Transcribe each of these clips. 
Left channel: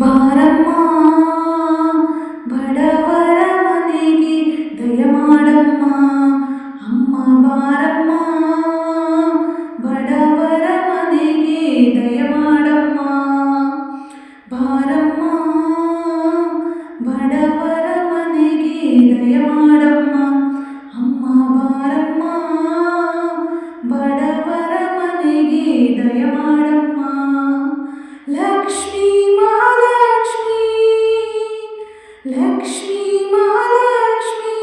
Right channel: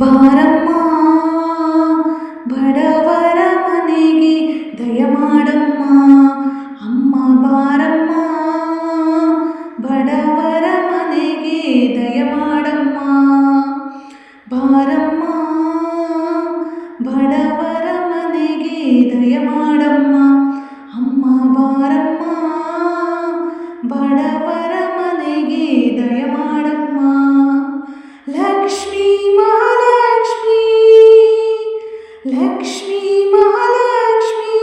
ಬಾರಮ್ಮ ಬಡವರ ಮನೆಗೆ ದಯಮಾಡಮ್ಮ ಅಮ್ಮ ಬಾರಮ್ಮ ಬಡವರ ಮನೆಗೆ ದಯಮಾಡಮ್ಮ ಬಾರಮ್ಮ ಬಡವರ ಮನೆಗೆ ದಯಮಾಡಮ್ಮ ಅಮ್ಮ ಬಾರಮ್ಮ ಬಡವರ ಮನೆಗೆ ದಯಮಾಡಮ್ಮ ಲಕ್ಷ್ಮೀ ಮಹಾಲಕ್ಷ್ಮೀ ಲಕ್ಷ್ಮೀ ಮಹಾಲಕ್ಷ್ಮೀ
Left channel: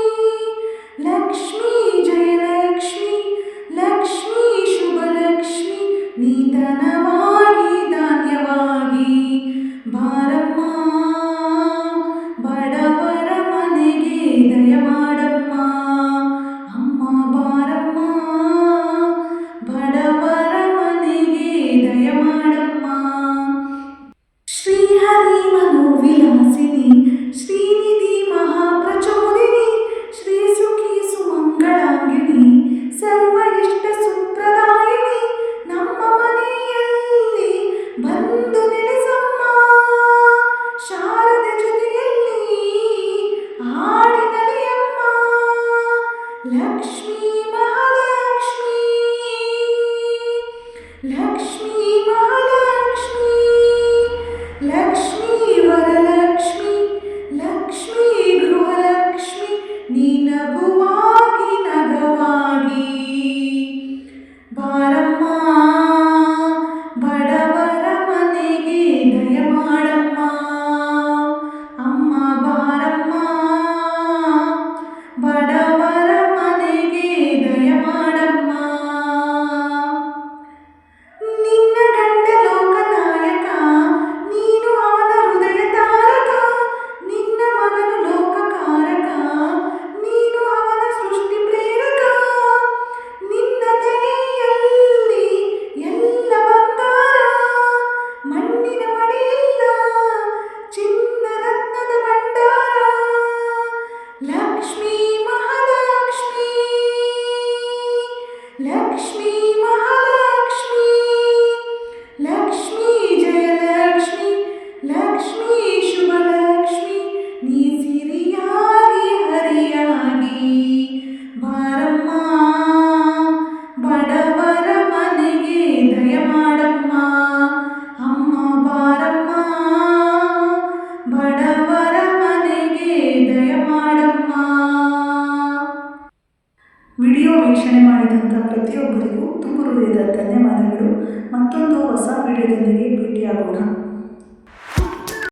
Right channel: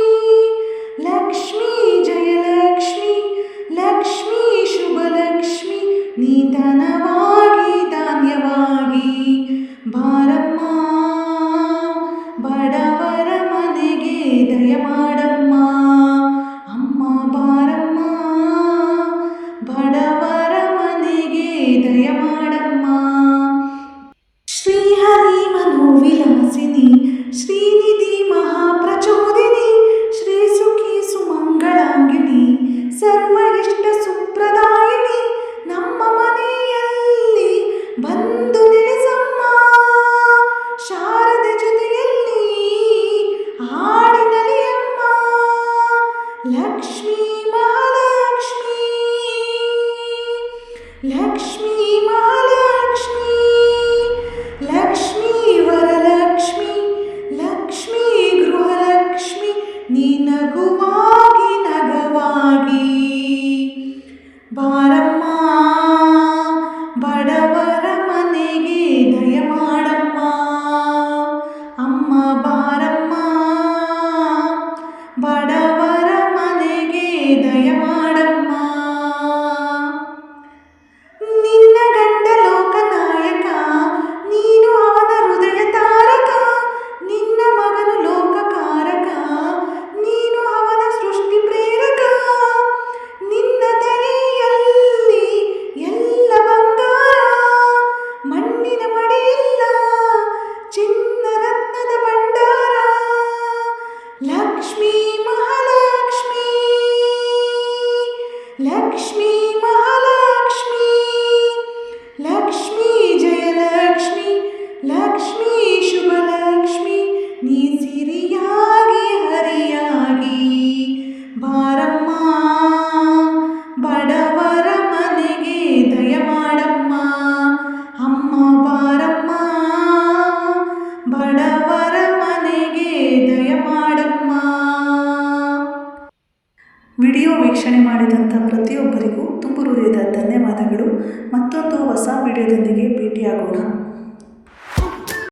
ಲಕ್ಷ್ಮೀ ಜಯಲಕ್ಷ್ಮೀ ಲಕ್ಷ್ಮೀ ಶುಭಲಕ್ಷ್ಮೀ ನೀ ಧನವಾಗಿ ಧಾನ್ಯವಾಗಿ ಬಾರಮ್ಮ ಬಡವರ ಮನೆಗೆ ದಯಮಾಡಮ್ಮ ಅಮ್ಮ ಬಾರಮ್ಮ ಬಡವರ ಮನೆಗೆ ದಯಮಾಡಮ್ಮ ಶ್ರೀಹರಿ ಮನೋವಿಲಾಸಿನಿ ಶ್ರೀನಿಧಿ ಮಹಾಪ್ರಚೋದಿನಿ ಶ್ರೀ ಸುಖಿ ಸುಮಂಗಳಾಂಗಿಣಿ ಸರ್ವ ಇಷ್ಟ ಸುಪ್ರದಾಯಿನಿ ನಮ್ಮ ಮನೆಯಲ್ಲಿ ಬಂದು ನೆಲೆಸಮ್ಮ ಶಾರದೆ ಜೊತೆಯಲ್ಲಿ ಆಡಿ ನಲಿಯಮ್ಮ ಲಕ್ಷ್ಮೀ ಮಹಾಲಕ್ಷ್ಮೀ ಲಕ್ಷ್ಮೀ ಮಹಾಲಕ್ಷ್ಮೀ ಲಕ್ಷ್ಮೀ ವರಲಕ್ಷ್ಮಿ ಲಕ್ಷ್ಮೀ ಗೃಹಲಕ್ಷ್ಮಿ ನೀ ನಗುವಾಗಿ ನಗವಾಗಿ ಬಾರಮ್ಮ ಬಡವರ ಮನೆಗೆ ದಯಮಾಡಮ್ಮ ಅಮ್ಮ ಬಾರಮ್ಮ ಬಡವರ ಮನೆಗೆ ದಯಮಾಡಮ್ಮ ನಿನ್ನ ಗಂಡ ಲೋಕನಾಯಕ ನೀನು ಅವನ ಹೃದಯ ತಾರಕ ನಿನ್ನ ಮಗನು ಲೋಕಕಾರಕ ನೀನು ಅವನ ಸೃಷ್ಟಿ ಪ್ರೇರಕ ನಿನ್ನ ದಯೆಯಲ್ಲಿ ಎಲ್ಲ ಬಂಗಾರ ಮಣ್ಣಿನ ಮಡಿಯಿಲ್ಲ ಚಿನ್ನ ರತ್ನದ ಭಂಡಾರ ಲಕ್ಷ್ಮೀ ಮಹಾಲಕ್ಷ್ಮೀ ಲಕ್ಷ್ಮೀ ಮಹಾಲಕ್ಷ್ಮೀ ಲಕ್ಷ್ಮೀ ಜಯಲಕ್ಷ್ಮಿ ಲಕ್ಷ್ಮೀ ಶುಭಲಕ್ಷ್ಮಿ ನೀ ಸಿರಿಯಾಗಿ ಹರಿಯಾಗಿ ಬಾರಮ್ಮ ಬಡವರ ಮನೆಗೆ ದಯಮಾಡಮ್ಮ ಅಮ್ಮ ಬಾರಮ್ಮ ಬಡವರ ಮನೆಗೆ ದಯಮಾಡಮ್ಮ. ವಿಡಿಯೋ ವೀಕ್ಷಣೆ ಮಾಡಿದಂಥ ಪ್ರತಿಯೊಬ್ಬರಿಗೂ ತುಂಬ ಹೃದಯದ ಧನ್ಯವಾದಗಳು. ಮತ್ತೊಂದು ಹೊಸ ವಿಡಿಯೋದೊಂದಿಗೆ ಭೇಟಿಯಾಗೋಣ.